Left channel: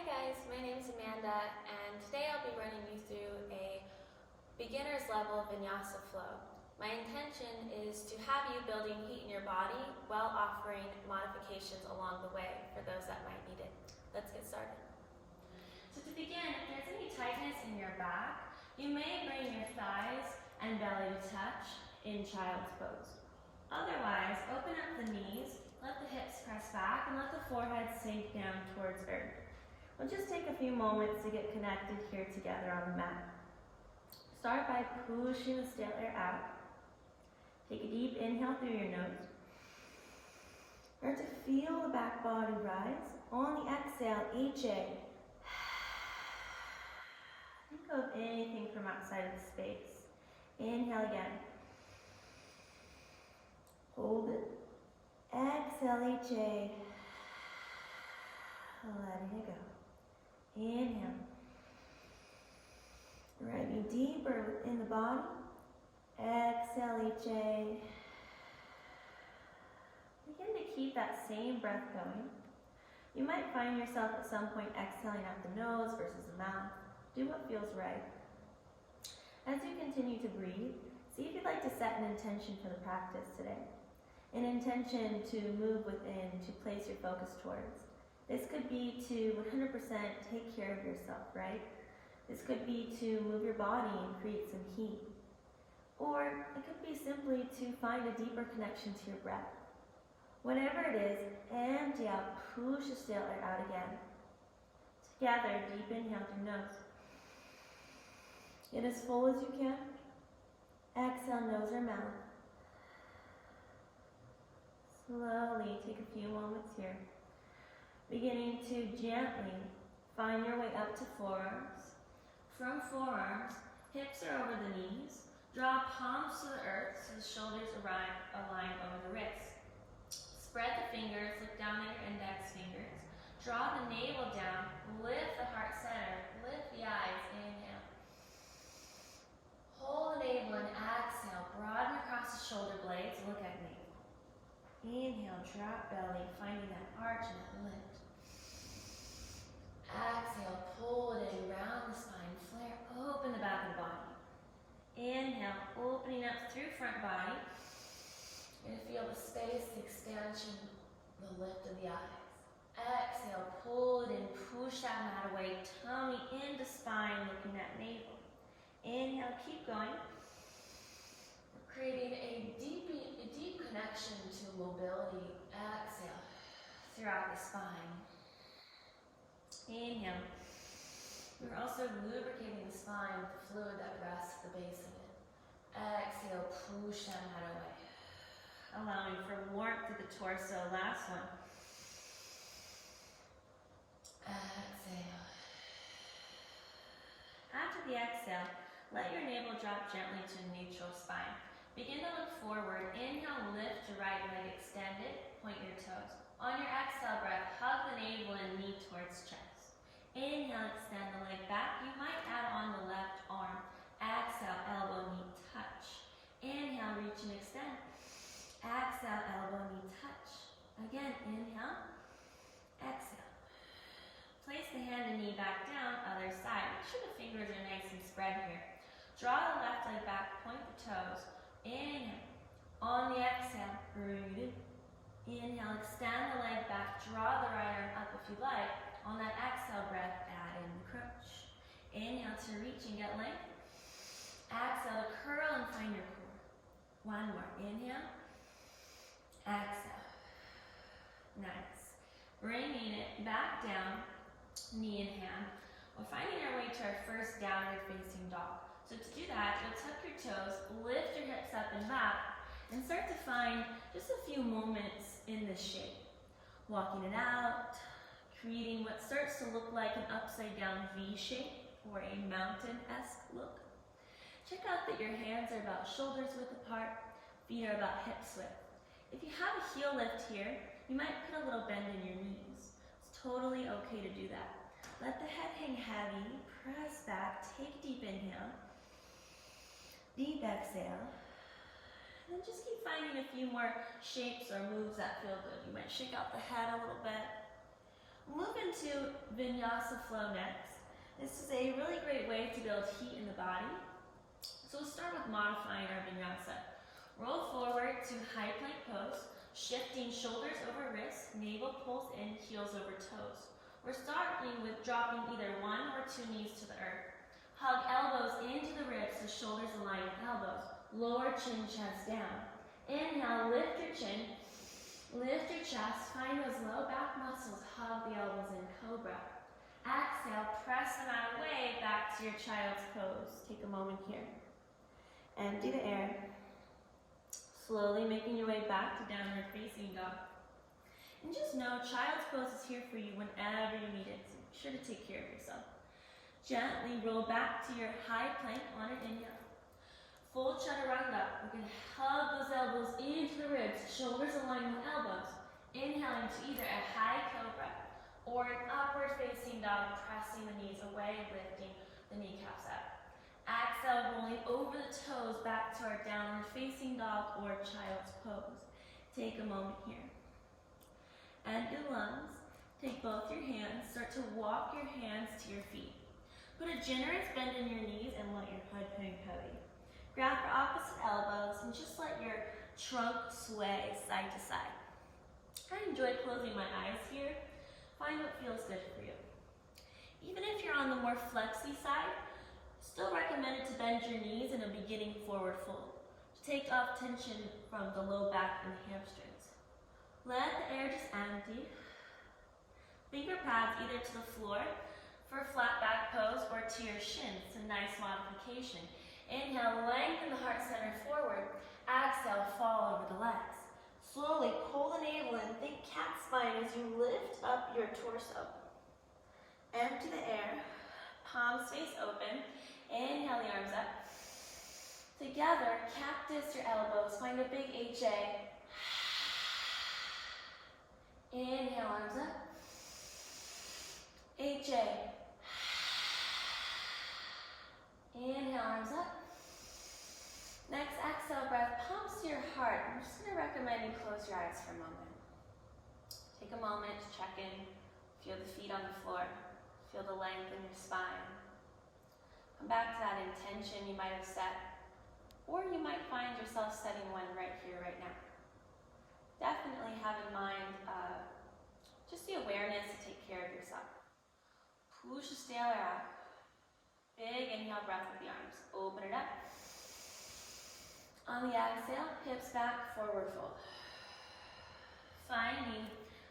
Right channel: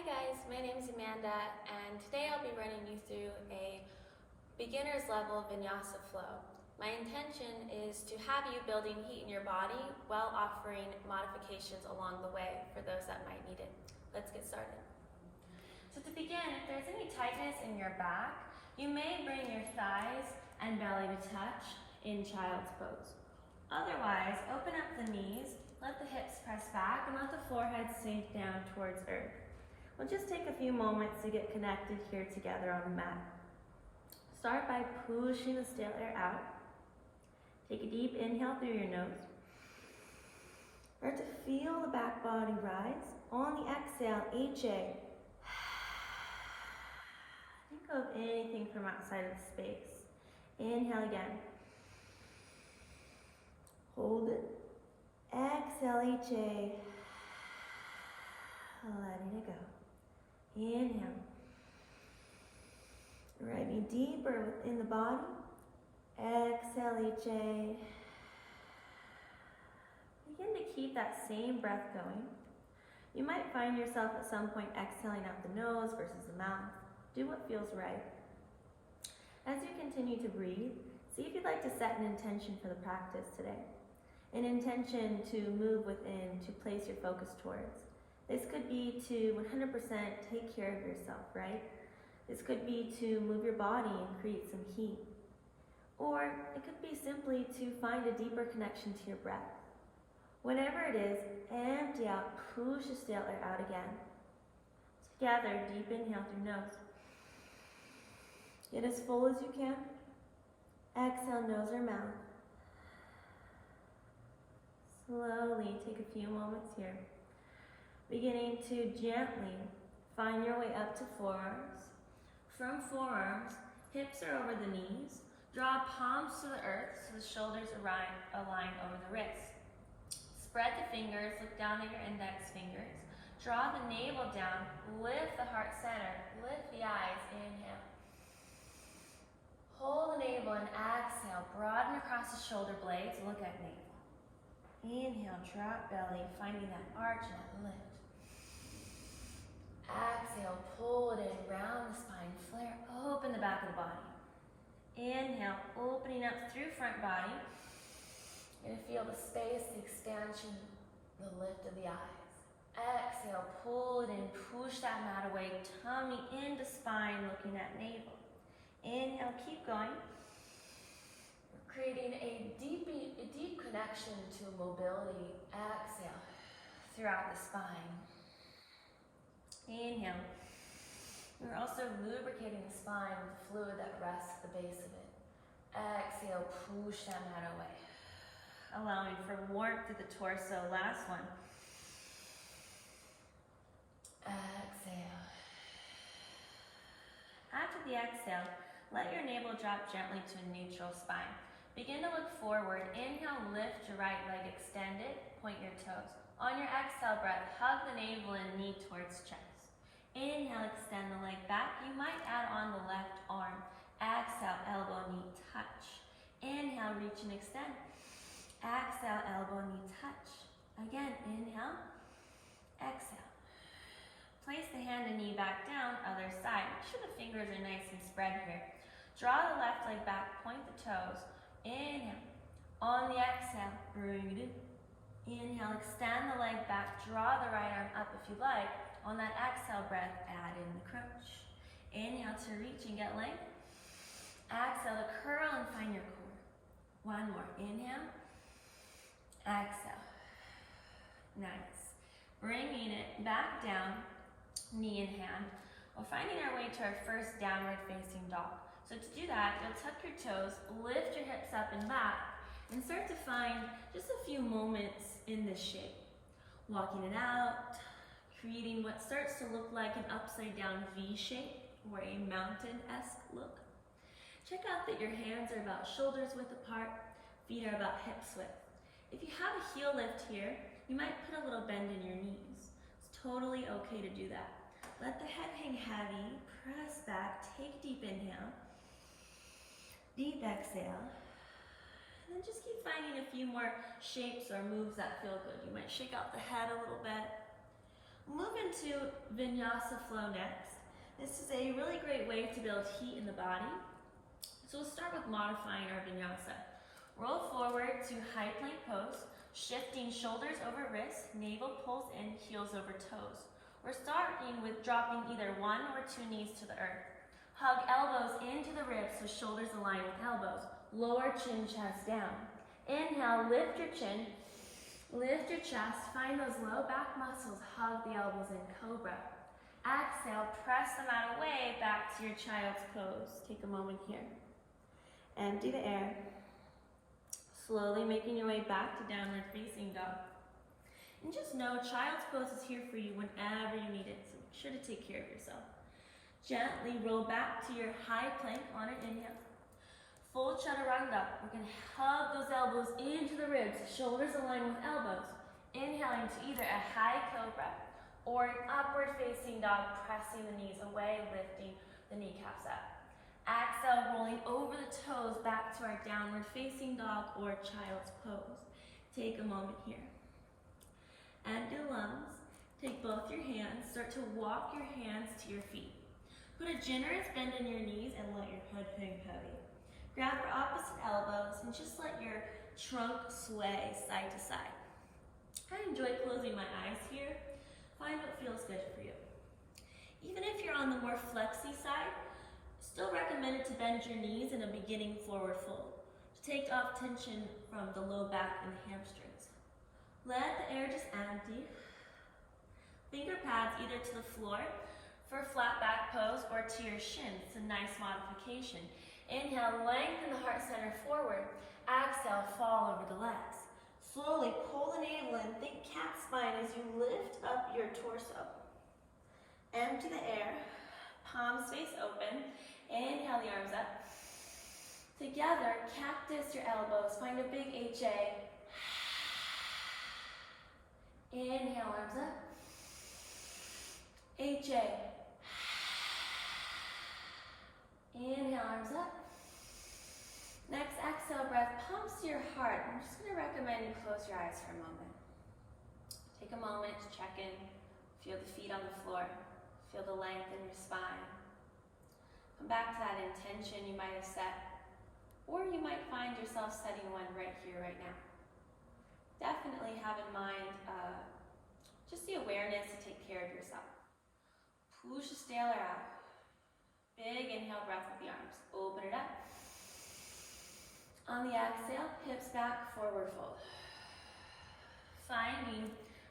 Hi guys, my name is Amanda and today I'll be running you through a beginner's level vinyasa flow. My intention is to have you building heat in your body while offering modifications along the way for those that might need it. Let's get started. So to begin, if there's any tightness in your back, you may bring your thighs and belly to touch in child's pose. Otherwise, open up the knees, let the hips press back, and let the forehead sink down towards earth. We'll just take a few moments to get connected here together on the mat. Start by pushing the stale air out. Take a deep inhale through your nose. Start to feel the back body rise. On the exhale, HA. Think of anything from outside of the space. Inhale again. Hold it. Exhale, HA. Letting it go. Inhale. Driving deeper within the body. Exhale, HA. Begin to keep that same breath going. You might find yourself at some point exhaling out the nose versus the mouth. Do what feels right. As you continue to breathe, see if you'd like to set an intention for the practice today. An intention to move within, to place your focus towards. This could be to 100% take care of yourself, right? This could be to move your body and create some heat. Or it could be simply to find a deeper connection to your breath. Whatever it is, empty out, push the stale air out again. Together, deep inhale through nose. Get as full as you can. Exhale, nose or mouth. Slowly take a few moments here. Beginning to gently find your way up to forearms. From forearms, hips are over the knees. Draw palms to the earth so the shoulders align over the wrists. Spread the fingers, look down at your index fingers. Draw the navel down, lift the heart center, lift the eyes, inhale. Hold the navel and exhale, broaden across the shoulder blades, look at navel. Inhale, drop belly, finding that arch and that lift. Exhale, pull it in, round the spine, flare, open the back of the body. Inhale, opening up through front body. You're gonna feel the space, the expansion, the lift of the eyes. Exhale, pull it in, push that mat away, tummy into spine, looking at navel. Inhale, keep going. We're creating a deep connection to mobility. Exhale, throughout the spine. Inhale. We're also lubricating the spine with the fluid that rests at the base of it. Exhale, push that mat away. Allowing for warmth to the torso. Last one. Exhale. After the exhale, let your navel drop gently to a neutral spine. Begin to look forward. Inhale, lift your right leg extended, point your toes. On your exhale breath, hug the navel and knee towards chest. Inhale, extend the leg back. You might add on the left arm. Exhale, elbow, knee, touch. Inhale, reach and extend. Exhale, elbow, knee, touch. Again, inhale, exhale. Place the hand and knee back down, other side. Make sure the fingers are nice and spread here. Draw the left leg back, point the toes. Inhale. On the exhale, bring it in. Inhale, extend the leg back, draw the right arm up if you like. On that exhale breath, add in the crunch. Inhale to reach and get length. Exhale to curl and find your core. One more. Inhale. Exhale. Nice. Bringing it back down, knee in hand. We're finding our way to our first downward facing dog. So to do that, you'll tuck your toes, lift your hips up and back, and start to find just a few moments in this shape. Walking it out, creating what starts to look like an upside down V shape or a mountain-esque look. Check out that your hands are about shoulders width apart, feet are about hips width. If you have a heel lift here, you might put a little bend in your knees. It's totally okay to do that. Let the head hang heavy, press back, take a deep inhale, deep exhale, and then just keep finding a few more shapes or moves that feel good. You might shake out the head a little bit. We'll move into Vinyasa flow next. This is a really great way to build heat in the body. So we'll start with modifying our Vinyasa. Roll forward to high plank pose, shifting shoulders over wrists, navel pulls in, heels over toes. We're starting with dropping either 1 or 2 knees to the earth. Hug elbows into the ribs so shoulders align with elbows. Lower chin, chest down. Inhale, lift your chin, lift your chest, find those low back muscles, hug the elbows in, cobra. Exhale, press them out away, back to your child's pose. Take a moment here. Empty the air. Slowly making your way back to downward facing dog. And just know child's pose is here for you whenever you need it, so make sure to take care of yourself. Gently roll back to your high plank on an inhale. Full chaturanga. We're going to hug those elbows into the ribs, shoulders align with elbows. Inhaling to either a high cobra or an upward facing dog, pressing the knees away, lifting the kneecaps up. Exhale, rolling over the toes back to our downward facing dog or child's pose. Take a moment here. Empty the lungs. Take both your hands. Start to walk your hands to your feet. Put a generous bend in your knees and let your head hang heavy. Grab for opposite elbows and just let your trunk sway side to side. I enjoy closing my eyes here. Find what feels good for you. Even if you're on the more flexy side, still recommended to bend your knees in a beginning forward fold to take off tension from the low back and hamstrings. Let the air just empty. Finger pads either to the floor for flat back pose or to your shins. It's a nice modification. Inhale, lengthen the heart center forward. Exhale, fall over the legs. Slowly pull the navel in. Think cat spine as you lift up your torso. Empty the air. Palms face open. Inhale the arms up. Together, cactus your elbows. Find a big HA. Inhale, arms up. HA. Inhale, arms up. Next exhale breath, palms to your heart. I'm just going to recommend you close your eyes for a moment. Take a moment to check in. Feel the feet on the floor. Feel the length in your spine. Come back to that intention you might have set, or you might find yourself setting one right here, right now. Definitely have in mind just the awareness to take care of yourself. Push the tail out. Big inhale breath with the arms. Open it up. On the exhale, hips back, forward fold. Finding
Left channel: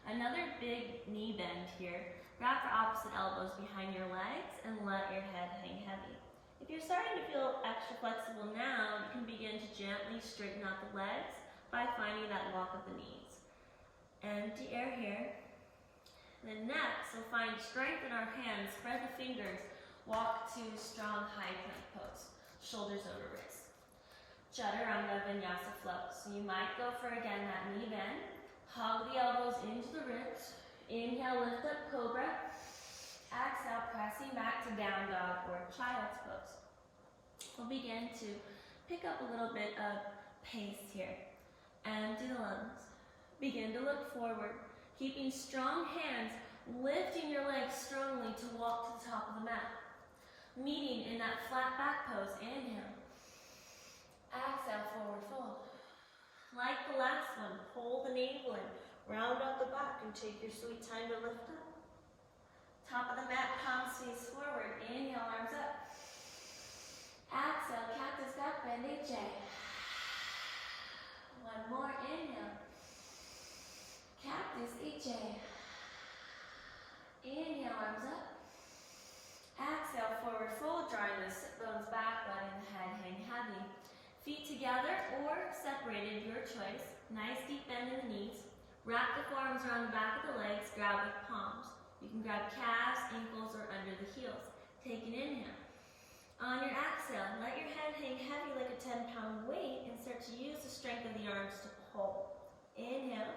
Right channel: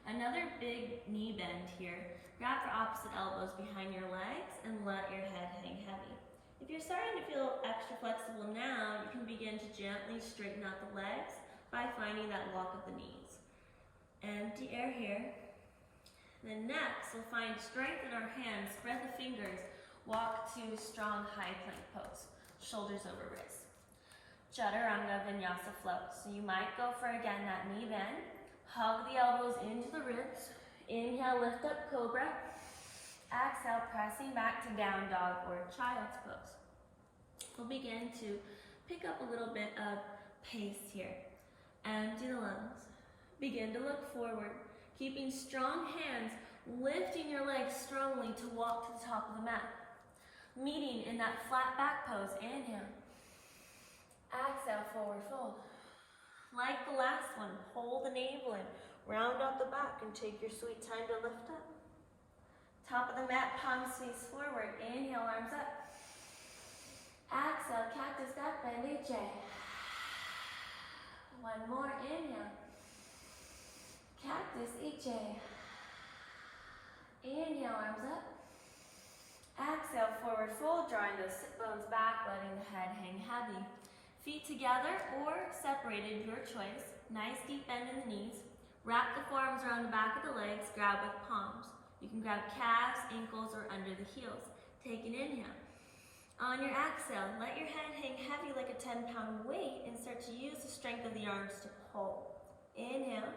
another big knee bend here. Wrap your opposite elbows behind your legs and let your head hang heavy. If you're starting to feel extra flexible now, you can begin to gently straighten out the legs by finding that lock of the knees. Empty air here. Then next, we'll find strength in our hands. Spread the fingers. Walk to strong high plank pose. Shoulders over wrists. Chaturanga Vinyasa flow. So you might go for, again, that knee bend. Hug the elbows into the ribs. Inhale, lift up, cobra. Exhale, pressing back to down dog or child's pose. We'll begin to pick up a little bit of pace here. Empty the lungs. Begin to look forward. Keeping strong hands, lifting your legs strongly to walk to the top of the mat. Meeting in that flat back pose. Inhale. Exhale, forward fold. Like the last one, hold the navel in. Round out the back and take your sweet time to lift up. Top of the mat, palms face forward. Inhale, arms up. Exhale, cactus back bend, HA. One more, inhale. Cactus, HA. Inhale, arms up. Exhale, forward fold, drawing those sit bones back, letting the head hang heavy. Feet together or separated, your choice. Nice deep bend in the knees. Wrap the forearms around the back of the legs, grab with palms. You can grab calves, ankles, or under the heels. Take an inhale. On your exhale, let your head hang heavy like a 10-pound weight and start to use the strength of the arms to pull. Inhale.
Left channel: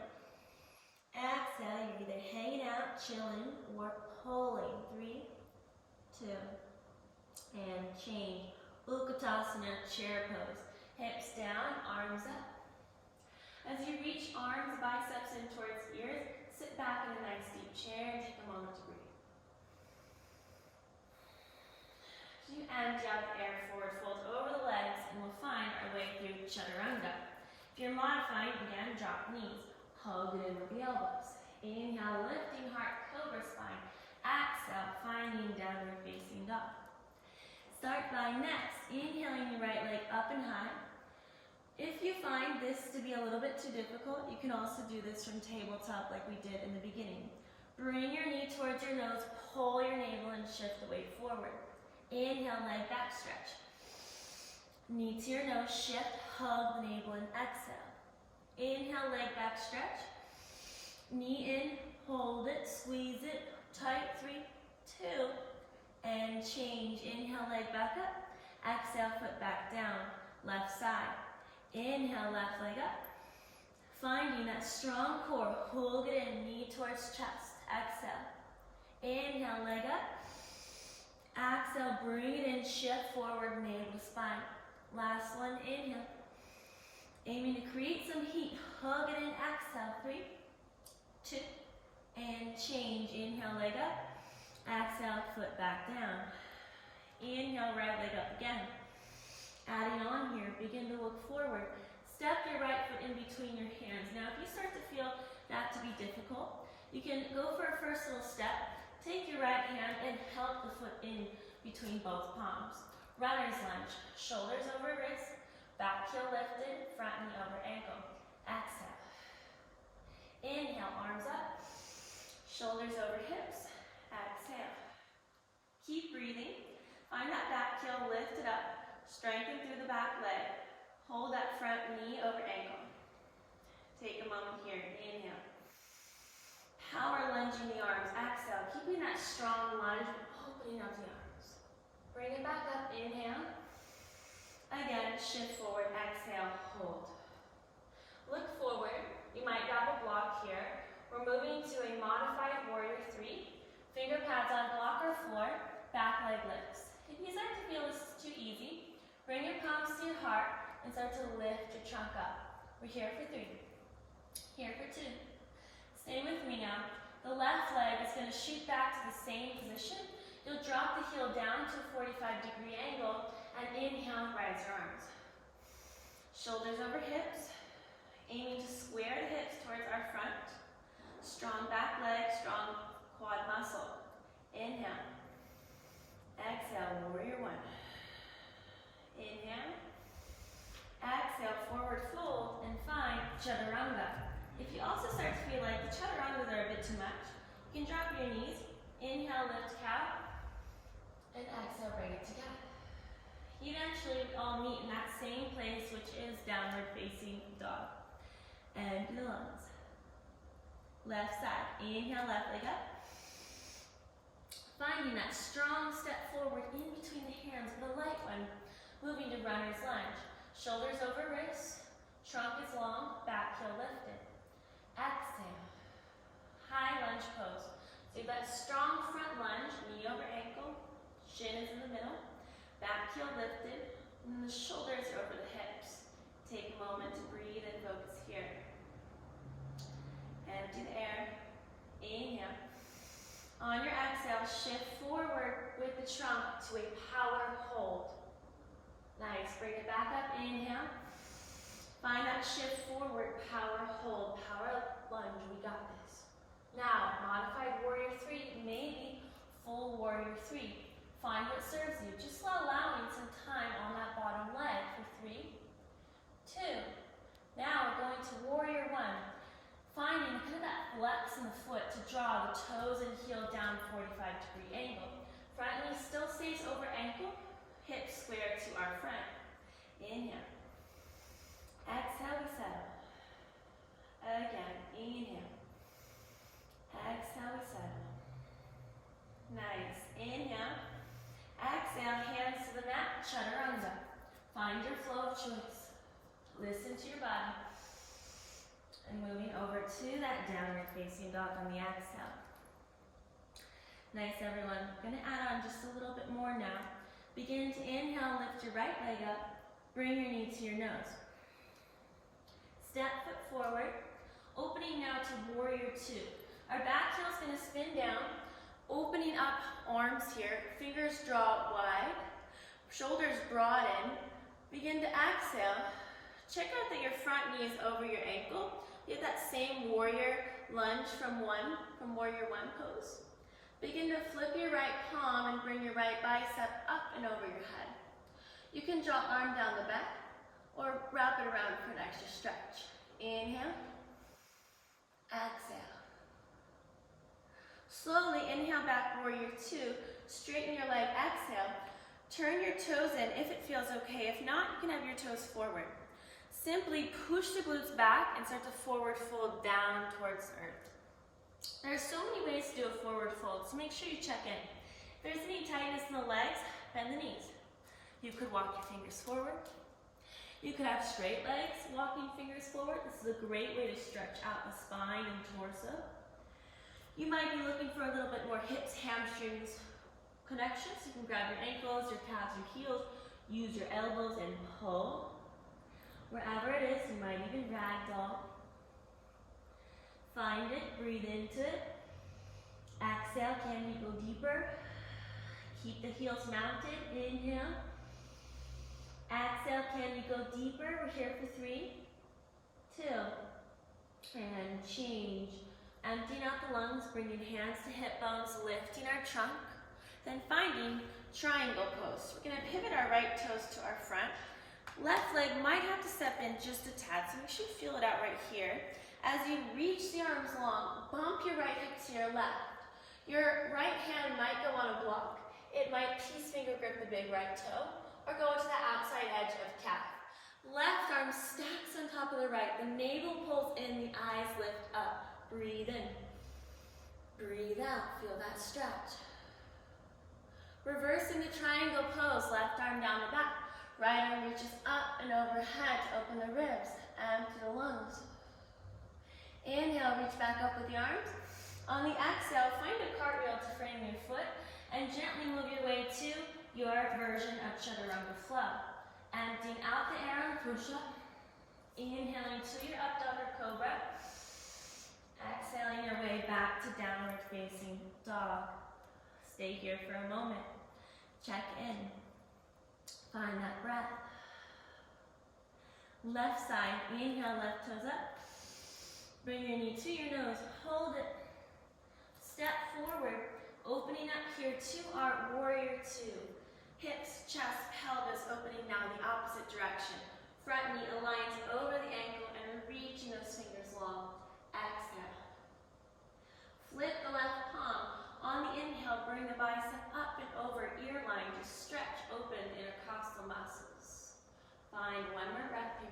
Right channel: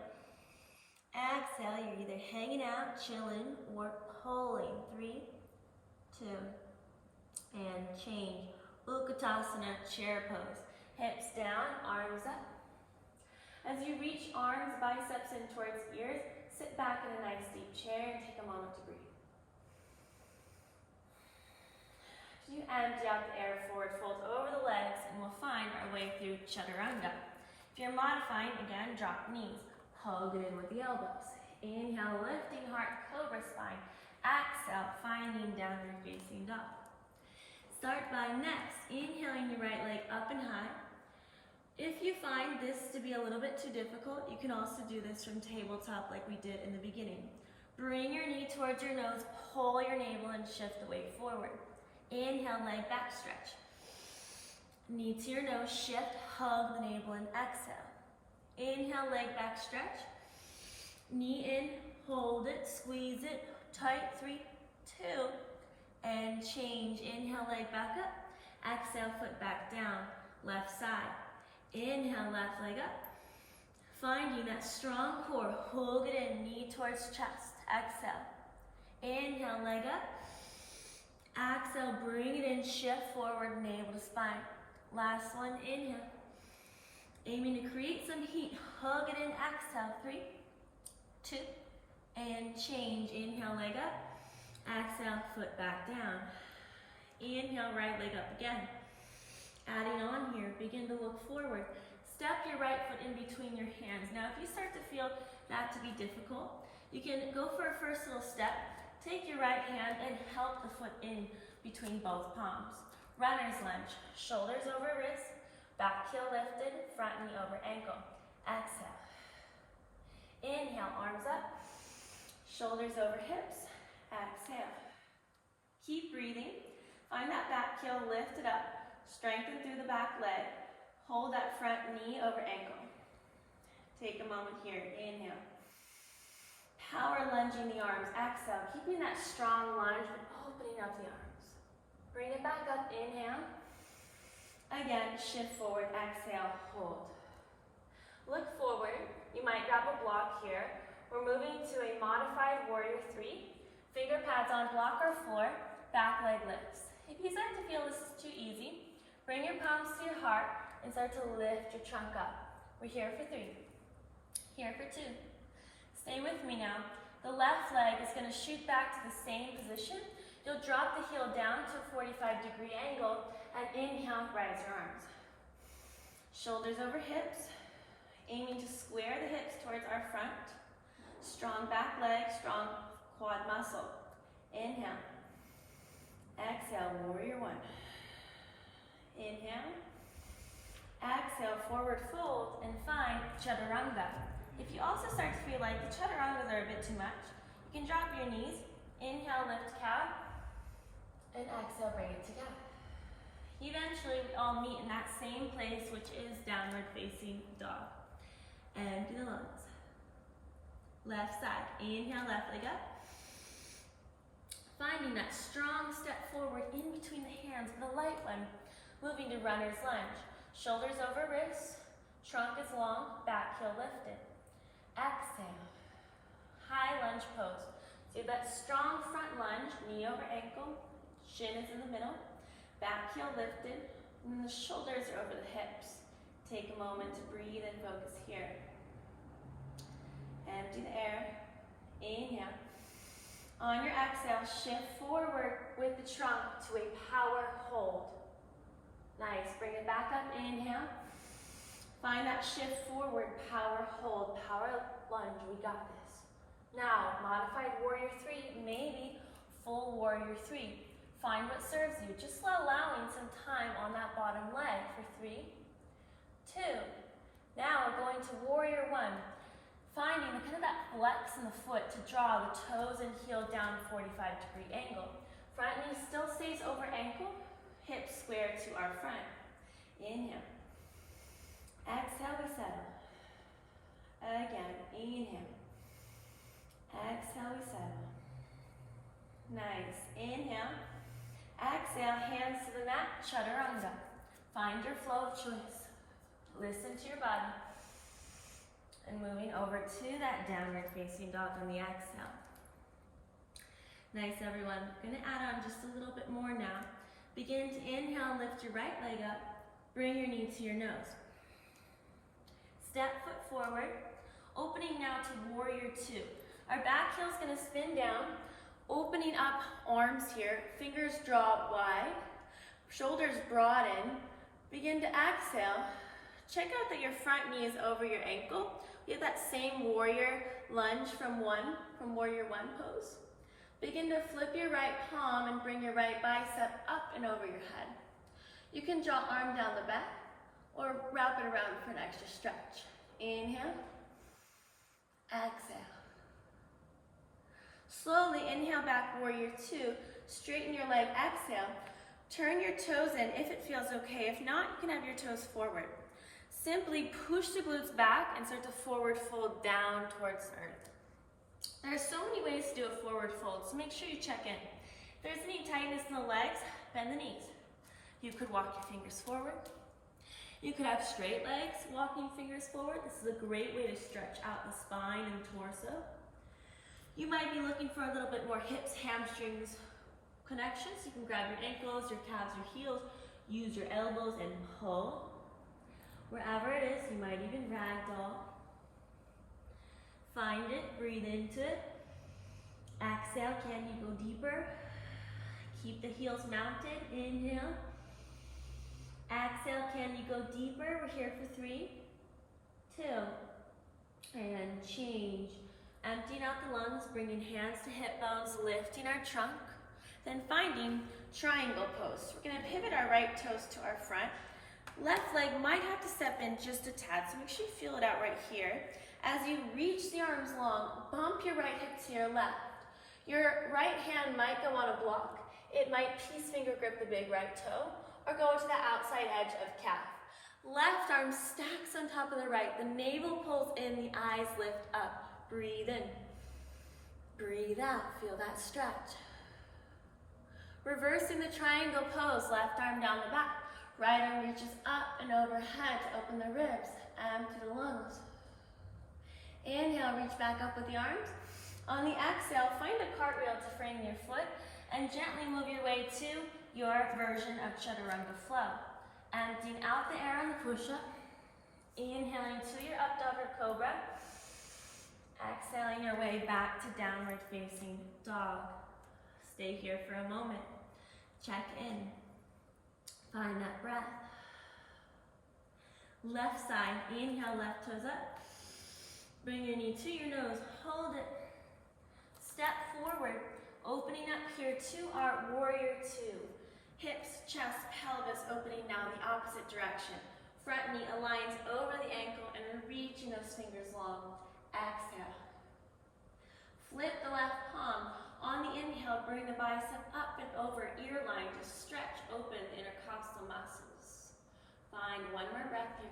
Exhale, you're either hanging out, chilling, or pulling. 3, 2, and change. Utkatasana, chair pose. Hips down, arms up. As you reach arms, biceps in towards ears, sit back in a nice deep chair and take a moment to breathe. As you empty out the air, forward fold over the legs, and we'll find our way through Chaturanga. If you're modifying, again, drop knees. Hug it in with the elbows. Inhale, lifting heart, cobra spine. Exhale, finding downward facing dog. Start by next, inhaling your right leg up and high. If you find this to be a little bit too difficult, you can also do this from tabletop like we did in the beginning. Bring your knee towards your nose, pull your navel and shift the weight forward. Inhale, leg back stretch. Knee to your nose, shift, hug the navel and exhale. Inhale, leg back stretch. Knee in, hold it, squeeze it, tight, 3, 2, and change. Inhale, leg back up. Exhale, foot back down, left side. Inhale, left leg up. Finding that strong core, hold it in, knee towards chest. Exhale. Inhale, leg up. Exhale, bring it in, shift forward, navel to spine. Last one, inhale. Aiming to create some heat, hug it in, exhale, 3, 2, and change. Inhale, leg up. Exhale, foot back down. Inhale, right leg up again. Adding on here, begin to look forward. Step your right foot in between your hands. Now, if you start to feel that to be difficult, you can go for a first little step. Take your right hand and help the foot in between both palms. Runner's lunge, shoulders over wrist, back heel lifted, front knee over ankle. Exhale. Inhale, arms up, shoulders over hips. Exhale. Keep breathing. Find that back heel lifted up. Strengthen through the back leg. Hold that front knee over ankle. Take a moment here. Inhale. Power lunging the arms. Exhale. Keeping that strong lunge, but opening up the arms. Bring it back up. Inhale. Again, shift forward. Exhale. Hold. Look forward. You might grab a block here. We're moving to a modified warrior 3. Finger pads on block or floor. Back leg lifts. If you start to feel this is too easy, bring your palms to your heart and start to lift your trunk up. We're here for 3. Here for 2. Stay with me now. The left leg is going to shoot back to the same position. You'll drop the heel down to a 45-degree angle and inhale, rise your arms. Shoulders over hips, aiming to square the hips towards our front. Strong back leg, strong quad muscle. Inhale. Exhale, warrior 1. Inhale. Exhale, forward fold, and find Chaturanga. If you also start to feel like the Chaturangas are a bit too much, you can drop your knees. Inhale, lift cow, and exhale, bring it together. Eventually, we all meet in that same place, which is downward facing dog. Empty the lungs. Left side. Inhale, left leg up. Finding that strong step forward in between the hands with a light one. Moving to runner's lunge. Shoulders over wrists. Trunk is long. Back heel lifted. Exhale. High lunge pose. Do that strong front lunge. Knee over ankle. Shin is in the middle. Back heel lifted. And the shoulders are over the hips. Take a moment to breathe and focus here. Empty the air. Inhale. On your exhale, shift forward with the trunk to a power hold. Nice. Bring it back up. Inhale. Find that shift forward, power hold, power lunge. We got this. Now, modified warrior 3, maybe full warrior 3. Find what serves you. Just allowing some time on that bottom leg for 3, 2. Now we're going to warrior 1. Finding kind of that flex in the foot to draw the toes and heel down 45-degree angle. Front knee still stays over ankle, hips square to our front. Inhale. Exhale, we settle. Again, inhale. Exhale, we settle. Nice. Inhale. Exhale, hands to the mat, Chaturanga. Find your flow of choice. Listen to your body. And moving over to that downward facing dog on the exhale. Nice, everyone. I'm going to add on just a little bit more now. Begin to inhale, lift your right leg up. Bring your knee to your nose. Step foot forward. Opening now to warrior 2. Our back heel is going to spin down, opening up arms here, fingers draw wide, shoulders broaden. Begin to exhale. Check out that your front knee is over your ankle. You have that same warrior lunge from warrior one pose. Begin to flip your right palm and bring your right bicep up and over your head. You can draw arm down the back or wrap it around for an extra stretch. Inhale, exhale. Slowly inhale back, warrior two. Straighten your leg, exhale. Turn your toes in if it feels okay. If not, you can have your toes forward. Simply push the glutes back and start to forward fold down towards earth. There are so many ways to do a forward fold, so make sure you check in. If there's any tightness in the legs, bend the knees. You could walk your fingers forward. You could have straight legs, walking fingers forward. This is a great way to stretch out the spine and torso. You might be looking for a little bit more hips, hamstrings connection, so you can grab your ankles, your calves, your heels, use your elbows and pull. Wherever it is, you might even ragdoll. Find it, breathe into it. Exhale, can you go deeper? Keep the heels mounted, inhale. Exhale, can you go deeper? We're here for 3, 2, and change. Emptying out the lungs, bringing hands to hip bones, lifting our trunk. Then finding triangle pose. We're gonna pivot our right toes to our front. Left leg might have to step in just a tad, so make sure you feel it out right here. As you reach the arms long, bump your right hip to your left. Your right hand might go on a block. It might piece finger grip the big right toe, or go to the outside edge of calf. Left arm stacks on top of the right. The navel pulls in, the eyes lift up. Breathe in. Breathe out. Feel that stretch. Reversing the triangle pose, left arm down the back. Right arm reaches up and overhead to open the ribs. Empty the lungs. Inhale, reach back up with the arms. On the exhale, find a cartwheel to frame your foot and gently move your way to your version of Chaturanga flow. Emptying out the air on the push-up. Inhaling to your up dog or cobra. Exhaling your way back to downward facing dog. Stay here for a moment. Check in. Find that breath. Left side, inhale, left toes up. Bring your knee to your nose, hold it. Step forward, opening up here to our warrior two. Hips, chest, pelvis opening now the opposite direction. Front knee aligns over the ankle and we're reaching those fingers long. Exhale. Flip the left palm. On the inhale, bring the bicep up and over, ear line to stretch open the intercostal muscles. Find one more breath here.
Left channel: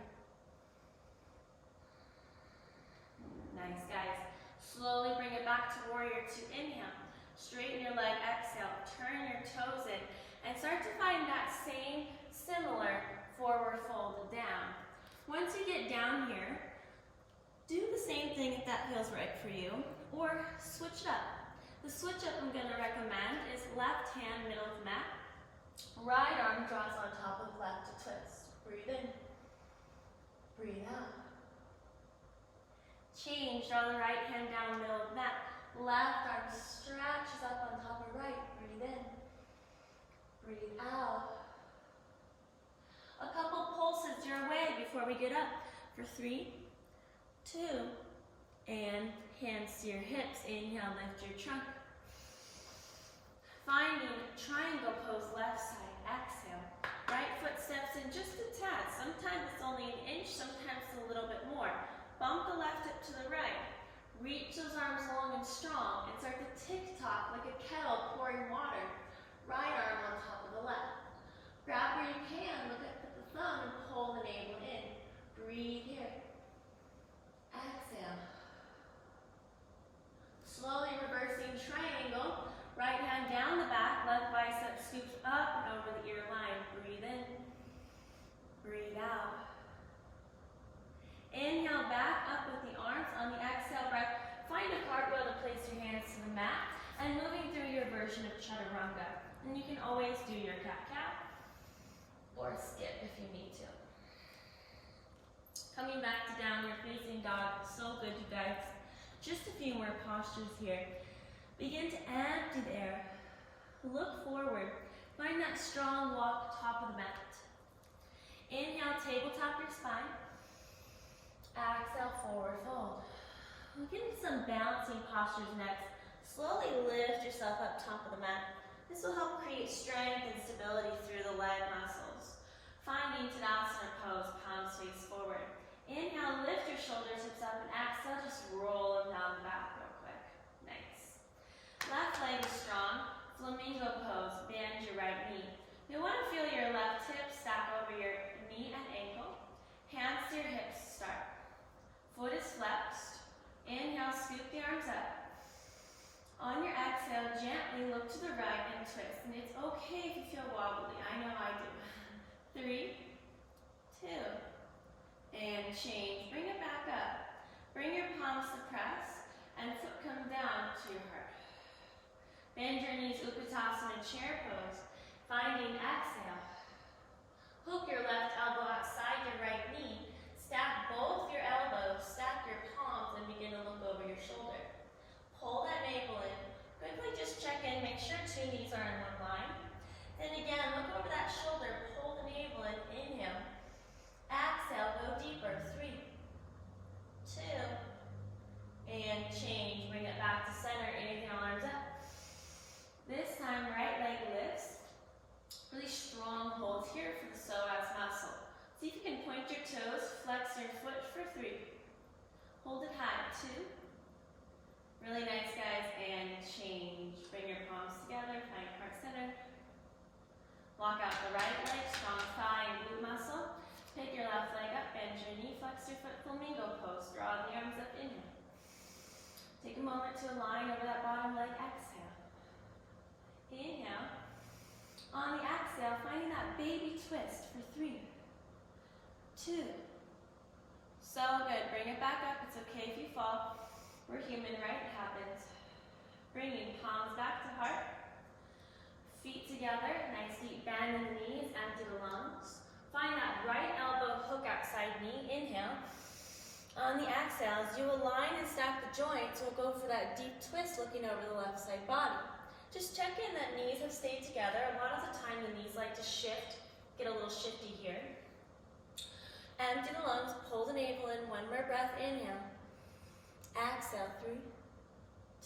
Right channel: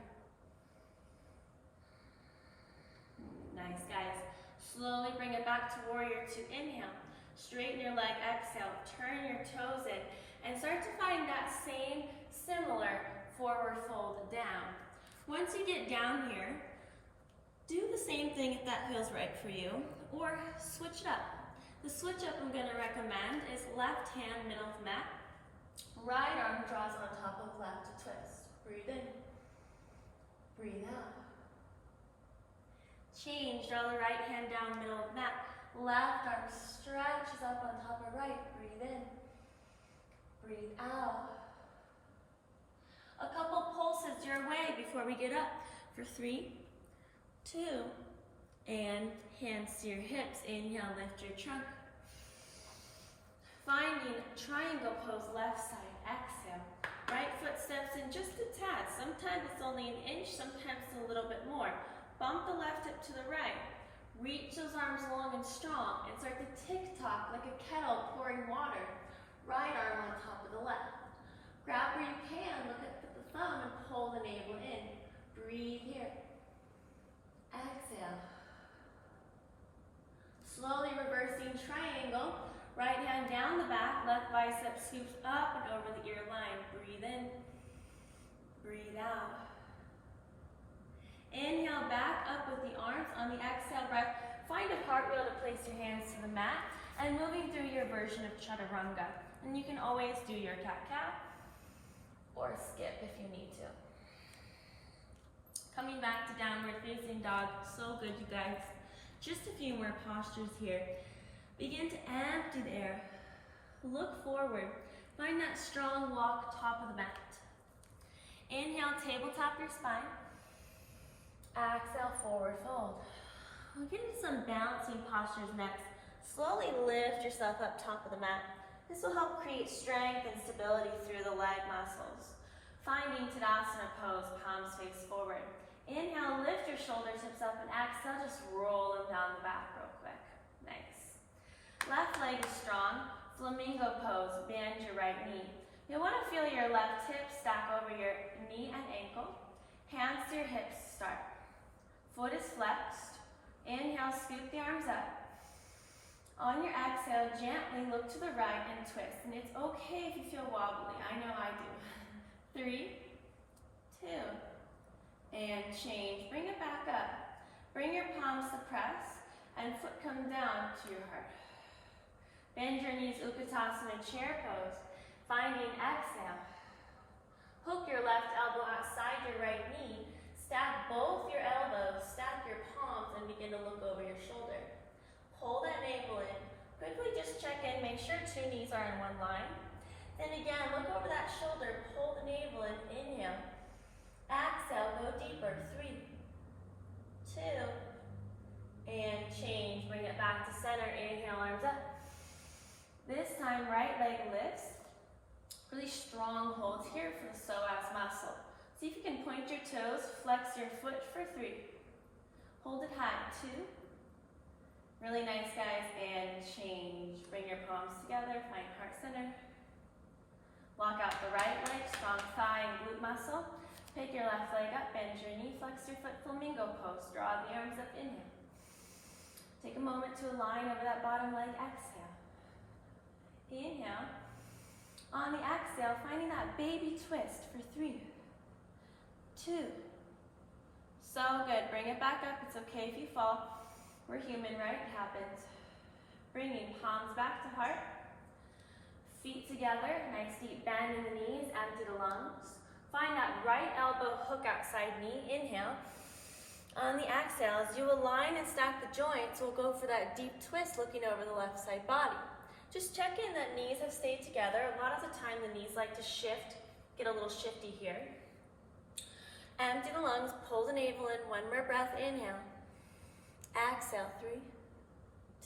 Nice, guys. Slowly bring it back to warrior two. Inhale. Straighten your leg, exhale. Turn your toes in and start to find that same similar forward fold down. Once you get down here, do the same thing if that feels right for you, or switch it up. The switch up I'm going to recommend is left hand middle of mat. Right arm draws on top of left to twist. Breathe in. Breathe out. Change, draw the right hand down middle of mat. Left arm stretches up on top of right. Breathe in. Breathe out. A couple pulses your way before we get up for 3, 2, and hands to your hips. Inhale, lift your trunk. Finding triangle pose, left side, exhale. Right foot steps in just a tad. Sometimes it's only an inch, sometimes it's a little bit more. Bump the left hip to the right. Reach those arms long and strong and start to tick-tock like a kettle pouring water. Right arm on top of the left. Grab where you can, look at the thumb and pull the navel in. Breathe here. Exhale. Slowly reversing triangle. Right hand down the back, left bicep scoops up and over the ear line. Breathe in. Breathe out. Inhale back up with the arms. On the exhale breath, find a cartwheel to place your hands to the mat and moving through your version of Chaturanga. And you can always do your cat-cow or skip if you need to. Coming back to downward facing dog, so good, you guys. Just a few more postures here. Begin to empty the air. Look forward. Find that strong walk top of the mat. Inhale, tabletop your spine. Exhale, forward fold. We'll get into some balancing postures next. Slowly lift yourself up top of the mat. This will help create strength and stability through the leg muscles. Finding Tadasana pose, palms face forward. Inhale, lift your shoulder tips up, and exhale, just roll them down the back real quick. Nice. Left leg is strong. Flamingo pose, bend your right knee. You'll want to feel your left hip stack over your knee and ankle. Hands to your hips start. Foot is flexed. Inhale, scoop the arms up. On your exhale, gently look to the right and twist. And it's okay if you feel wobbly. I know I do. 3, 2, and change. Bring it back up. Bring your palms to press, and foot comes down to your heart. Bend your knees, Utkatasana chair pose. Finding exhale. Hook your left elbow outside your right knee. Stack both your elbows, stack your palms, and begin to look over your shoulder. Pull that navel in. Quickly just check in, make sure 2 knees are in one line. Then again, look over that shoulder, pull the navel in, inhale. Exhale, go deeper, 3, 2, and change. Bring it back to center, inhale, arms up. This time, right leg lifts. Really strong holds here for the psoas muscle. See if you can point your toes, flex your foot for 3. Hold it high, 2. Really nice, guys, and change. Bring your palms together, find heart center. Walk out the right leg, strong thigh and glute muscle. Pick your left leg up, bend your knee, flex your foot, flamingo pose. Draw the arms up, inhale. Take a moment to align over that bottom leg, exhale. Inhale. On the exhale, finding that baby twist for 3, 2. So good. Bring it back up. It's okay if you fall. We're human, right? It happens. Bringing palms back to heart. Feet together. Nice deep bend in the knees. Empty the lungs. Find that right elbow hook outside knee. Inhale. On the exhale, as you align and stack the joints, we'll go for that deep twist looking over the left side body. Just check in that knees have stayed together. A lot of the time the knees like to shift, get a little shifty here. Empty the lungs, pull the navel in, 1 more breath, inhale. Exhale, 3,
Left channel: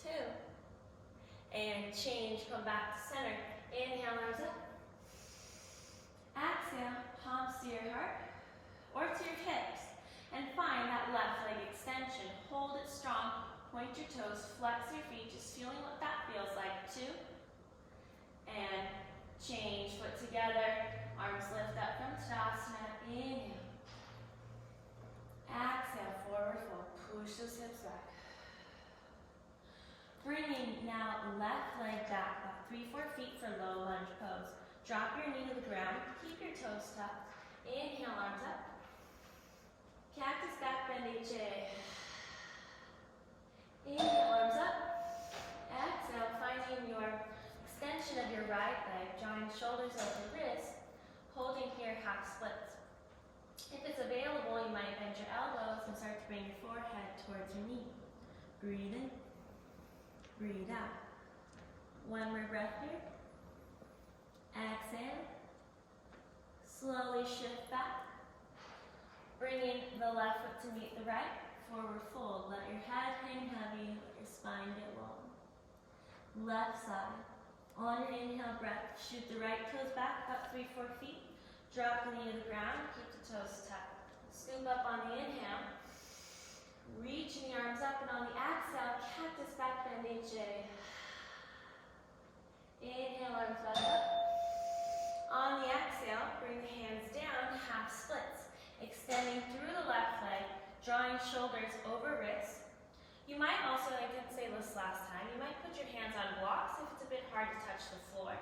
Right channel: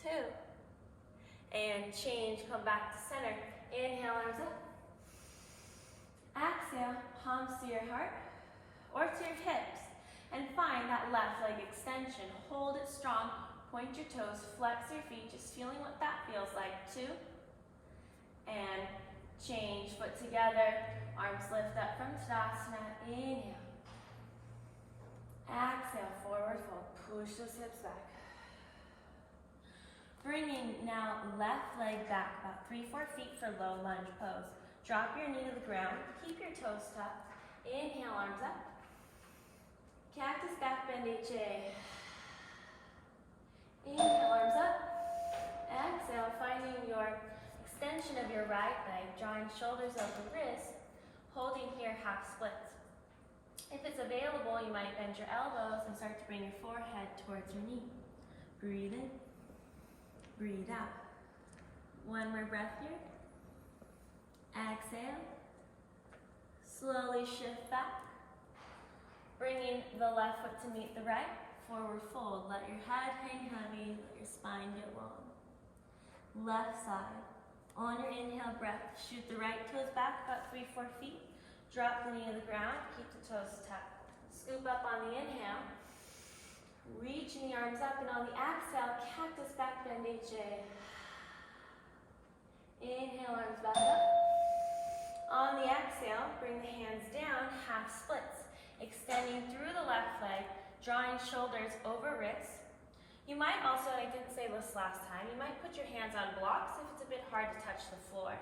2, and change, come back to center. Inhale, arms up. Exhale, palms to your heart or to your hips. And find that left leg extension. Hold it strong. Point your toes, flex your feet, just feeling what that feels like. 2, and change. Foot together, arms lift up from Tadasana. Inhale. Exhale, forward fold. Push those hips back. Bringing now left leg back, about 3-4 feet for low lunge pose. Drop your knee to the ground. Keep your toes tucked. Inhale, arms up. Cactus back bend HA. Inhale, arms up. Exhale, finding your extension of your right leg, drawing shoulders over wrists, holding here half splits. If it's available, you might bend your elbows and start to bring your forehead towards your knee. Breathe in, breathe out. 1 more breath here. Exhale. Slowly shift back. Bringing the left foot to meet the right. Forward fold. Let your head hang heavy. Let your spine get long. Left side. On your inhale breath, shoot the right toes back about 3-4 feet. Drop the knee to the ground. Keep the toes tucked. Scoop up on the inhale. Reaching the arms up, and on the exhale, cactus back bend HA. Inhale, arms back up. On the exhale, bring the hands down, half splits. Extending through the left leg, drawing shoulders over wrists. You might also, I didn't say this last time, you might put your hands on blocks if it's a bit hard to touch the floor.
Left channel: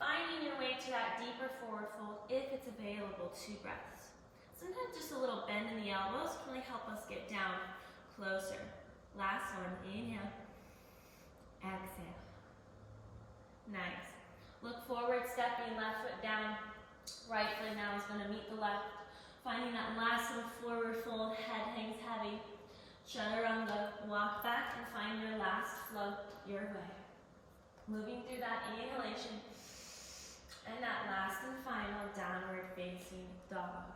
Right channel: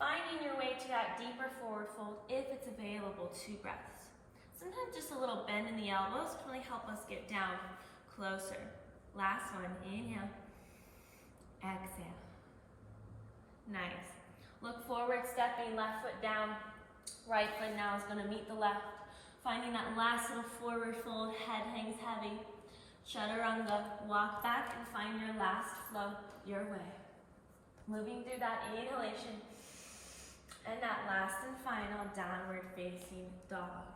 Finding your way to that deeper forward fold if it's available, 2 breaths. Sometimes just a little bend in the elbows can really help us get down closer. Last one, inhale, exhale. Nice. Look forward, stepping left foot down. Right foot now is going to meet the left. Finding that last little forward fold, head hangs heavy. Chaturanga, walk back and find your last flow your way. Moving through that inhalation and that last and final downward facing dog.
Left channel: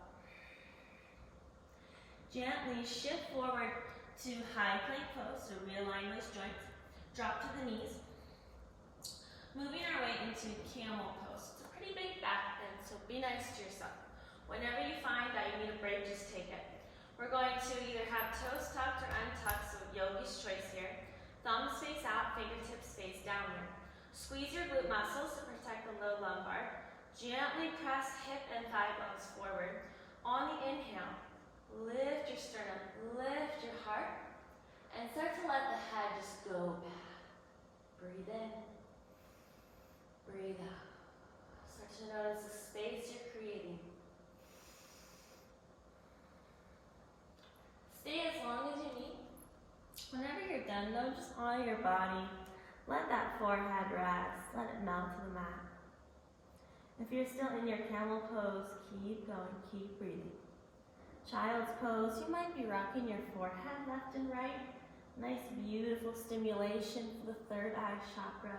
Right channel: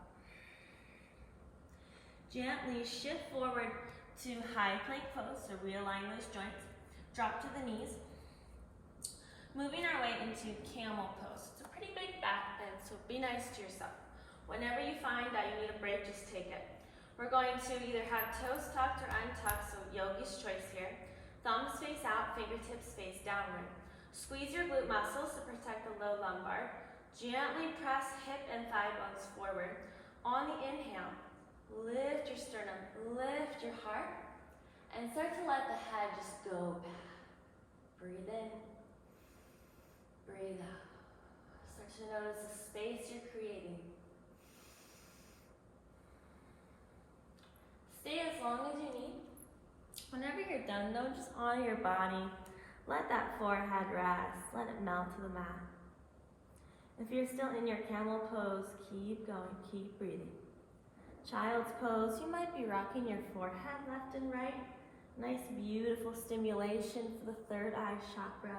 Gently shift forward to high plank pose, so realign those joints. Drop to the knees. Moving our way into camel pose. It's a pretty big back bend, so be nice to yourself. Whenever you find that you need a break, just take it. We're going to either have toes tucked or untucked, so yogi's choice here. Thumbs face out, fingertips face downward. Squeeze your glute muscles to protect the low lumbar. Gently press hip and thigh bones forward. On the inhale, lift your sternum, lift your heart, and start to let the head just go back. Breathe in, breathe out. Start to notice the space you're creating. Stay as long as you need. Whenever you're done though, just honor your body. Let that forehead rest. Let it melt to the mat. If you're still in your camel pose, keep going, keep breathing. Child's pose, you might be rocking your forehead left and right. Nice, beautiful stimulation for the third eye chakra.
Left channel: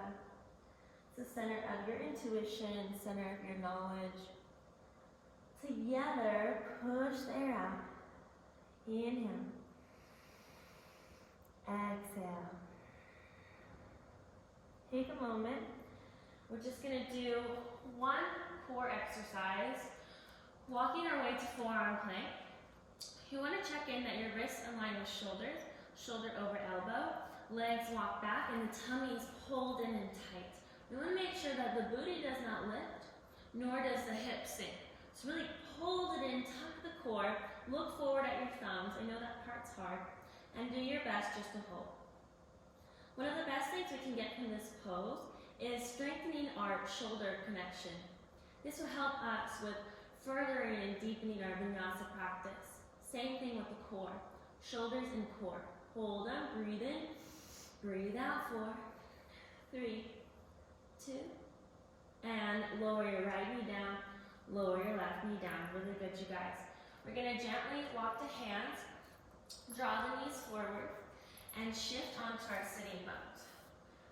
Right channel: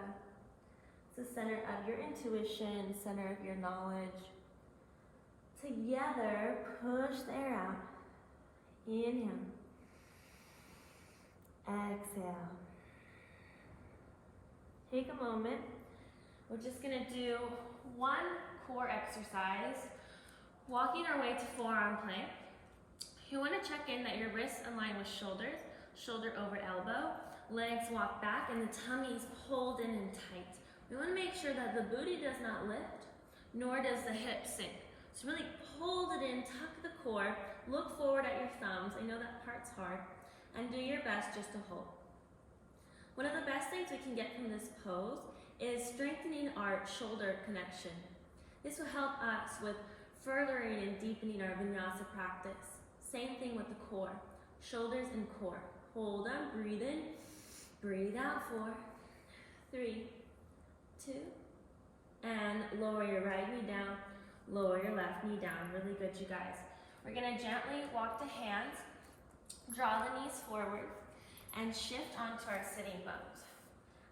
It's the center of your intuition, center of your knowledge. Together, push the air out. Inhale. Exhale. Take a moment. We're just going to do one core exercise, walking our way to forearm plank. You want to check in that your wrists align with shoulders, shoulder over elbow, legs walk back, and the tummy is pulled in and tight. We want to make sure that the booty does not lift, nor does the hip sink. So really hold it in, tuck the core, look forward at your thumbs. I know that part's hard, and do your best just to hold. One of the best things we can get from this pose is strengthening our shoulder connection. This will help us with furthering and deepening our vinyasa practice. Same thing with the core, shoulders and core. Hold on, breathe in, breathe out, 4, 3, 2, and lower your right knee down, lower your left knee down. Really good, you guys. We're gonna gently walk to hands, draw the knees forward, and shift onto our sitting bones.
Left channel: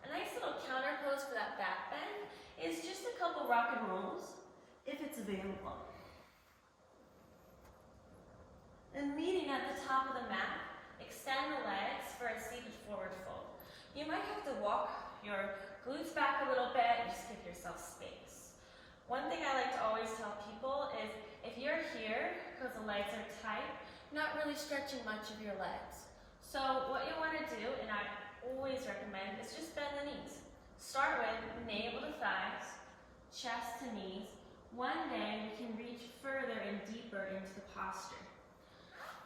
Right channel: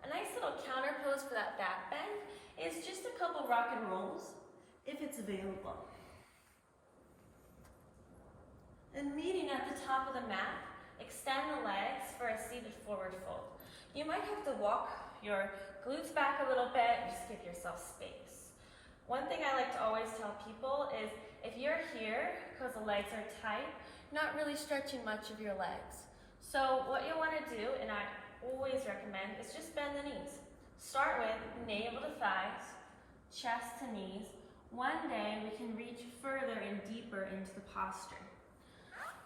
A nice little counter pose for that back bend is just a couple rock and rolls, if it's available. And meeting at the top of the mat, extend the legs for a seated forward fold. You might have to walk your glutes back a little bit, just give yourself space. One thing I like to always tell people is if you're here because the legs are tight, you're not really stretching much of your legs. So what you want to do, and I always recommend, is just bend the knees. Start with navel to thighs, chest to knees. One day we can reach further and deeper into the posture.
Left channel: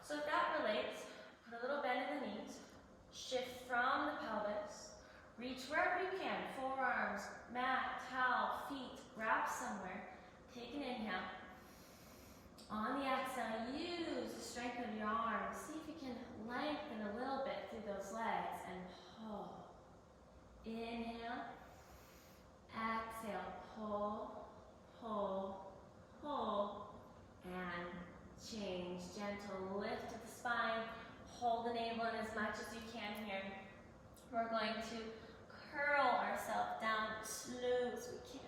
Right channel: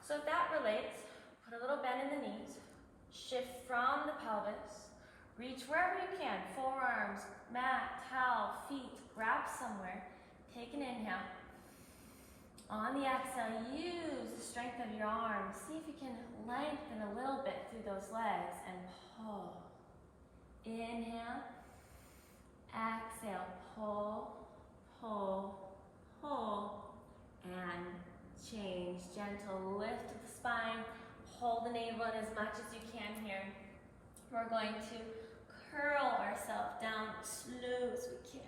So if that relates, put a little bend in the knees, shift from the pelvis, reach wherever you can, forearms, mat, towel, feet, grab somewhere. Take an inhale. On the exhale, use the strength of your arms. See if you can lengthen a little bit through those legs and pull. Inhale, exhale, pull, pull, pull, and change. Gentle lift of the spine. Hold the navel in as much as you can here. We're going to curl ourselves down as slow as we can.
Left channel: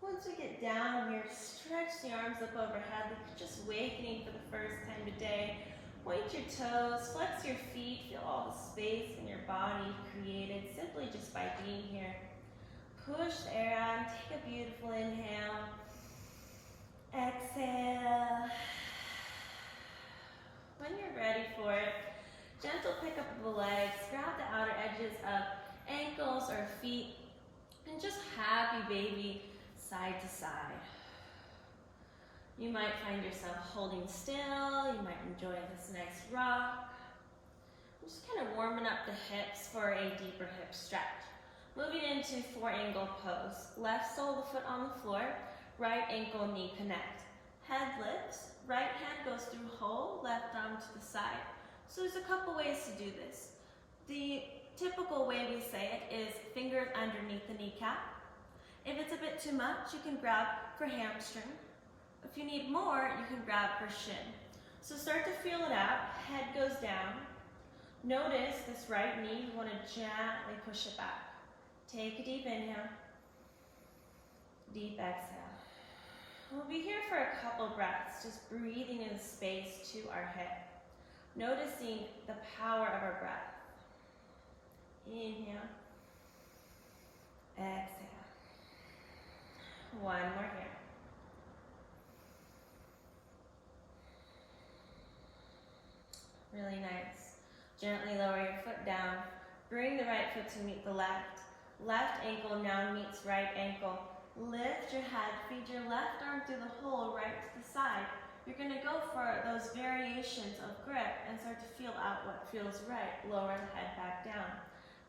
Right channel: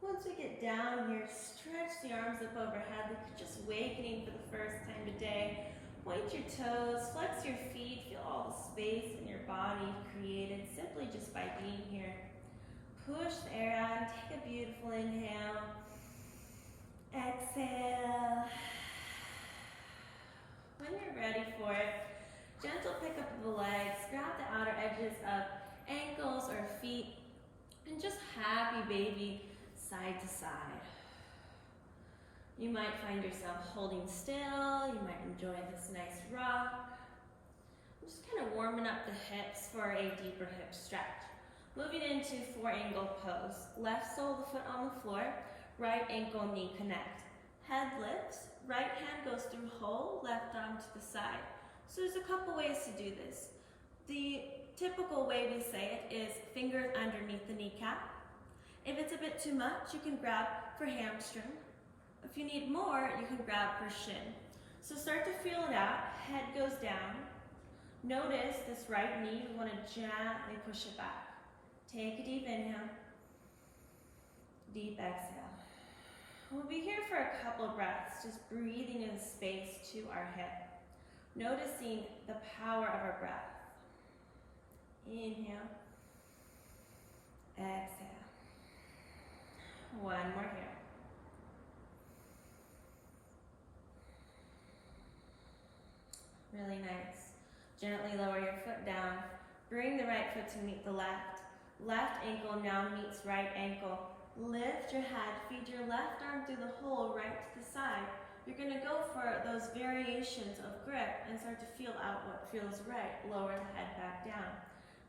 Once we get down here, stretch the arms up overhead like you're just awakening for the first time today. Point your toes, flex your feet, feel all the space in your body created simply just by being here. Push the air out and take a beautiful inhale. Exhale. When you're ready for it, gentle pick up of the legs, grab the outer edges of ankles or feet, and just happy baby side to side. You might find yourself holding still, you might enjoy this nice rock. I'm just kind of warming up the hips for a deeper hip stretch. Moving into 4-angle pose. Left sole of the foot on the floor, right ankle knee connect. Head lifts, right hand goes through hole, left arm to the side. So there's a couple ways to do this. The typical way we say it is fingers underneath the kneecap. If it's a bit too much, you can grab for hamstring. If you need more, you can grab for shin. So start to feel it out. Head goes down. Notice this right knee. You want to gently push it back. Take a deep inhale. Deep exhale. We'll be here for a couple breaths, just breathing in space to our hip. Noticing the power of our breath. Inhale. Exhale. One more here. Really nice. Gently lower your foot down. Bring the right foot to meet the left. Left ankle now meets right ankle. Lift your head, feed your left arm through the hole right to the side. You're going to go for those variations of grip and start to feel out what feels right. Lower the head back down.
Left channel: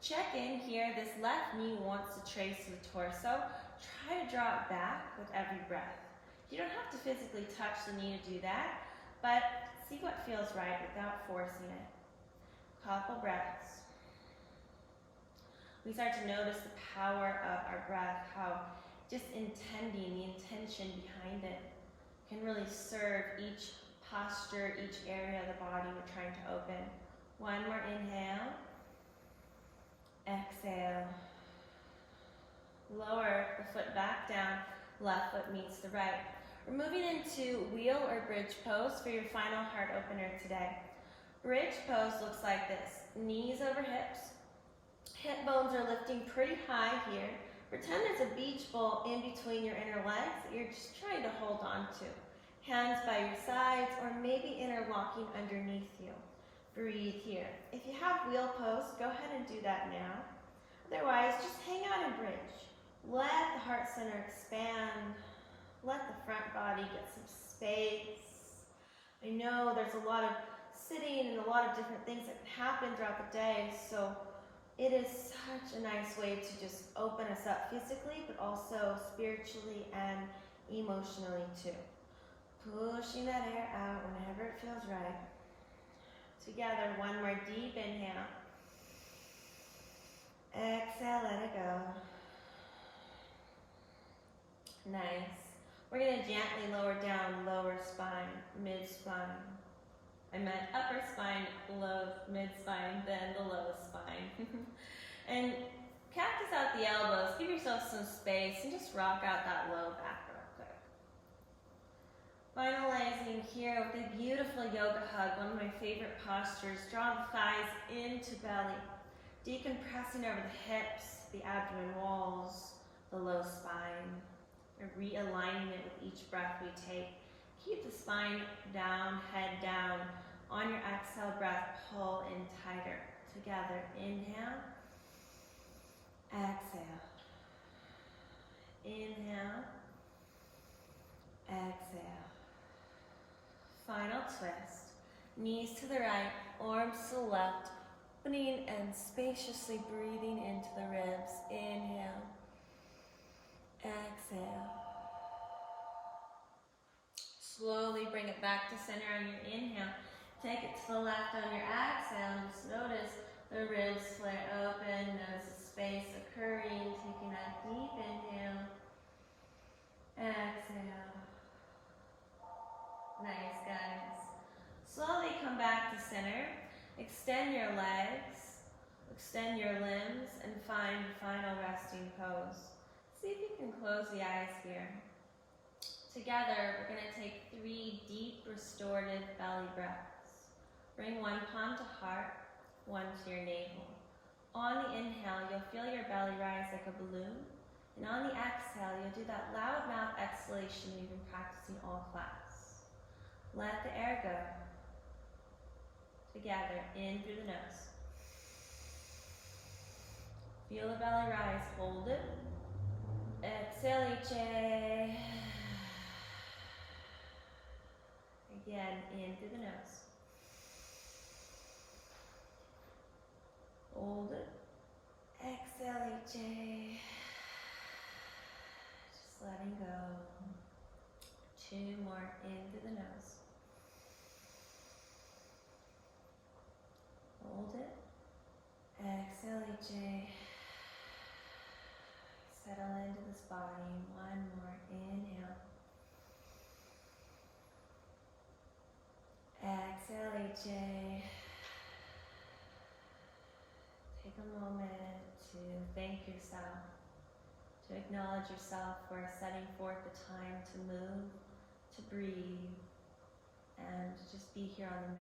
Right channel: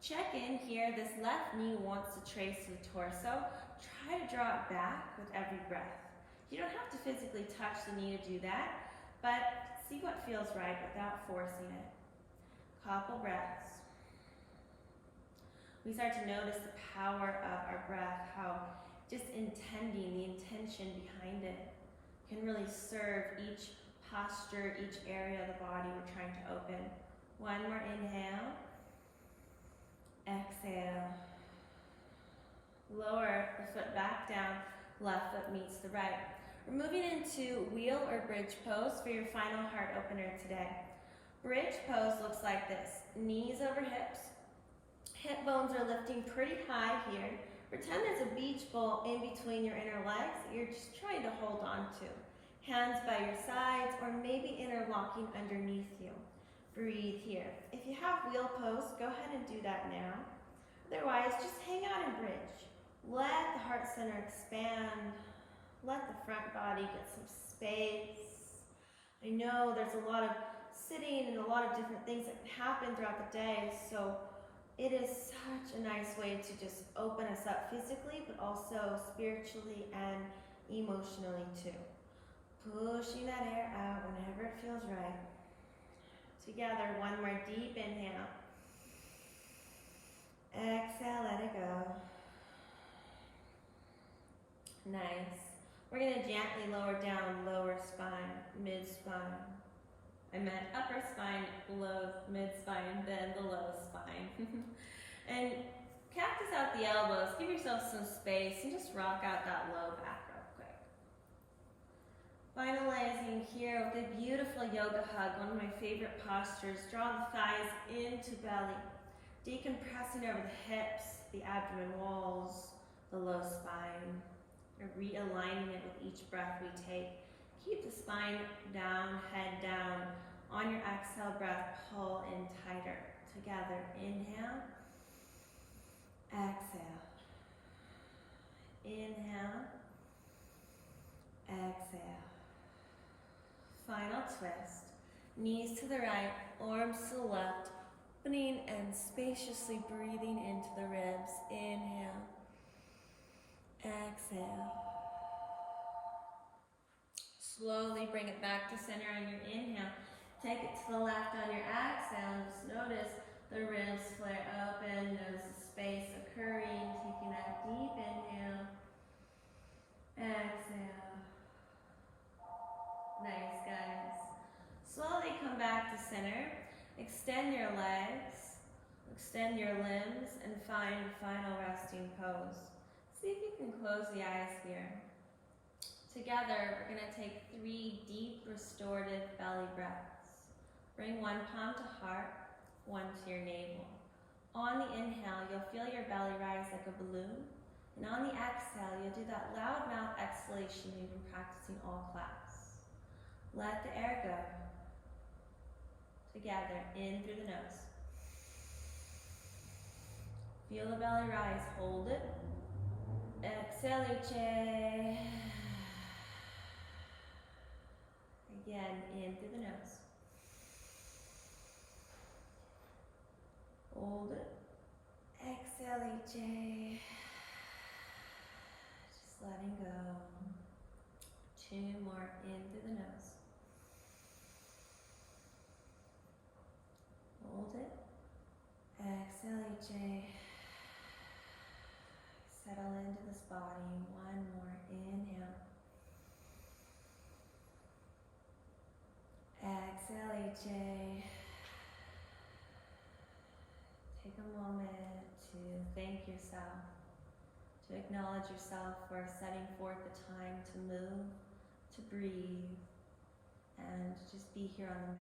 Check in here. This left knee wants to trace the torso. Try to draw it back with every breath. You don't have to physically touch the knee to do that, but see what feels right without forcing it. Couple breaths. We start to notice the power of our breath, how just intending, the intention behind it can really serve each posture, each area of the body we're trying to open. One more inhale. Exhale. Lower the foot back down. Left foot meets the right. We're moving into wheel or bridge pose for your final heart opener today. Bridge pose looks like this. Knees over hips. Hip bones are lifting pretty high here. Pretend there's a beach ball in between your inner legs that you're just trying to hold on to. Hands by your sides or maybe interlocking underneath you. Breathe here. If you have wheel pose, go ahead and do that now. Otherwise, just hang out in bridge. Let the heart center expand. Let the front body get some space. I know there's a lot of sitting and a lot of different things that can happen throughout the day, so it is such a nice way to just open us up physically, but also spiritually and emotionally too. Pushing that air out whenever it feels right. Together, one more deep inhale. Exhale, let it go. Nice. We're going to gently lower down lower spine, mid-spine. I meant upper spine, low, mid-spine, then the low spine. And cactus out the elbows, give yourself some space, and just rock out that low back real quick. Finalizing here with a beautiful yoga hug, one of my favorite postures. Draw the thighs into belly, decompressing over the hips, the abdomen walls, the low spine. We're realigning it with each breath we take. Keep the spine down, head down. On your exhale breath, pull in tighter. Together, inhale. Exhale. Inhale. Exhale. Final twist. Knees to the right, arms to the left. Opening and spaciously breathing into the ribs. Inhale. Exhale. Slowly bring it back to center on your inhale. Take it to the left on your exhale and just notice the ribs flare open. Notice the space occurring. Taking that deep inhale. Exhale. Nice, guys. Slowly come back to center. Extend your legs. Extend your limbs and find final resting pose. See if you can close the eyes here. Together, we're going to take 3 deep restorative belly breaths. Bring one palm to heart, one to your navel. On the inhale, you'll feel your belly rise like a balloon. And on the exhale, you'll do that loud mouth exhalation we've been practicing all class. Let the air go. Together, in through the nose. Feel the belly rise, hold it. Exhale, Iche. Again, in through the nose. Hold it. Exhale, Iche. Just letting go. 2 more, in through the nose. Hold it. Exhale, Iche. Settle into this body. 1 more, inhale. Exhale, AJ. Take a moment to thank yourself, to acknowledge yourself for setting forth the time to move, to breathe, and just be here on the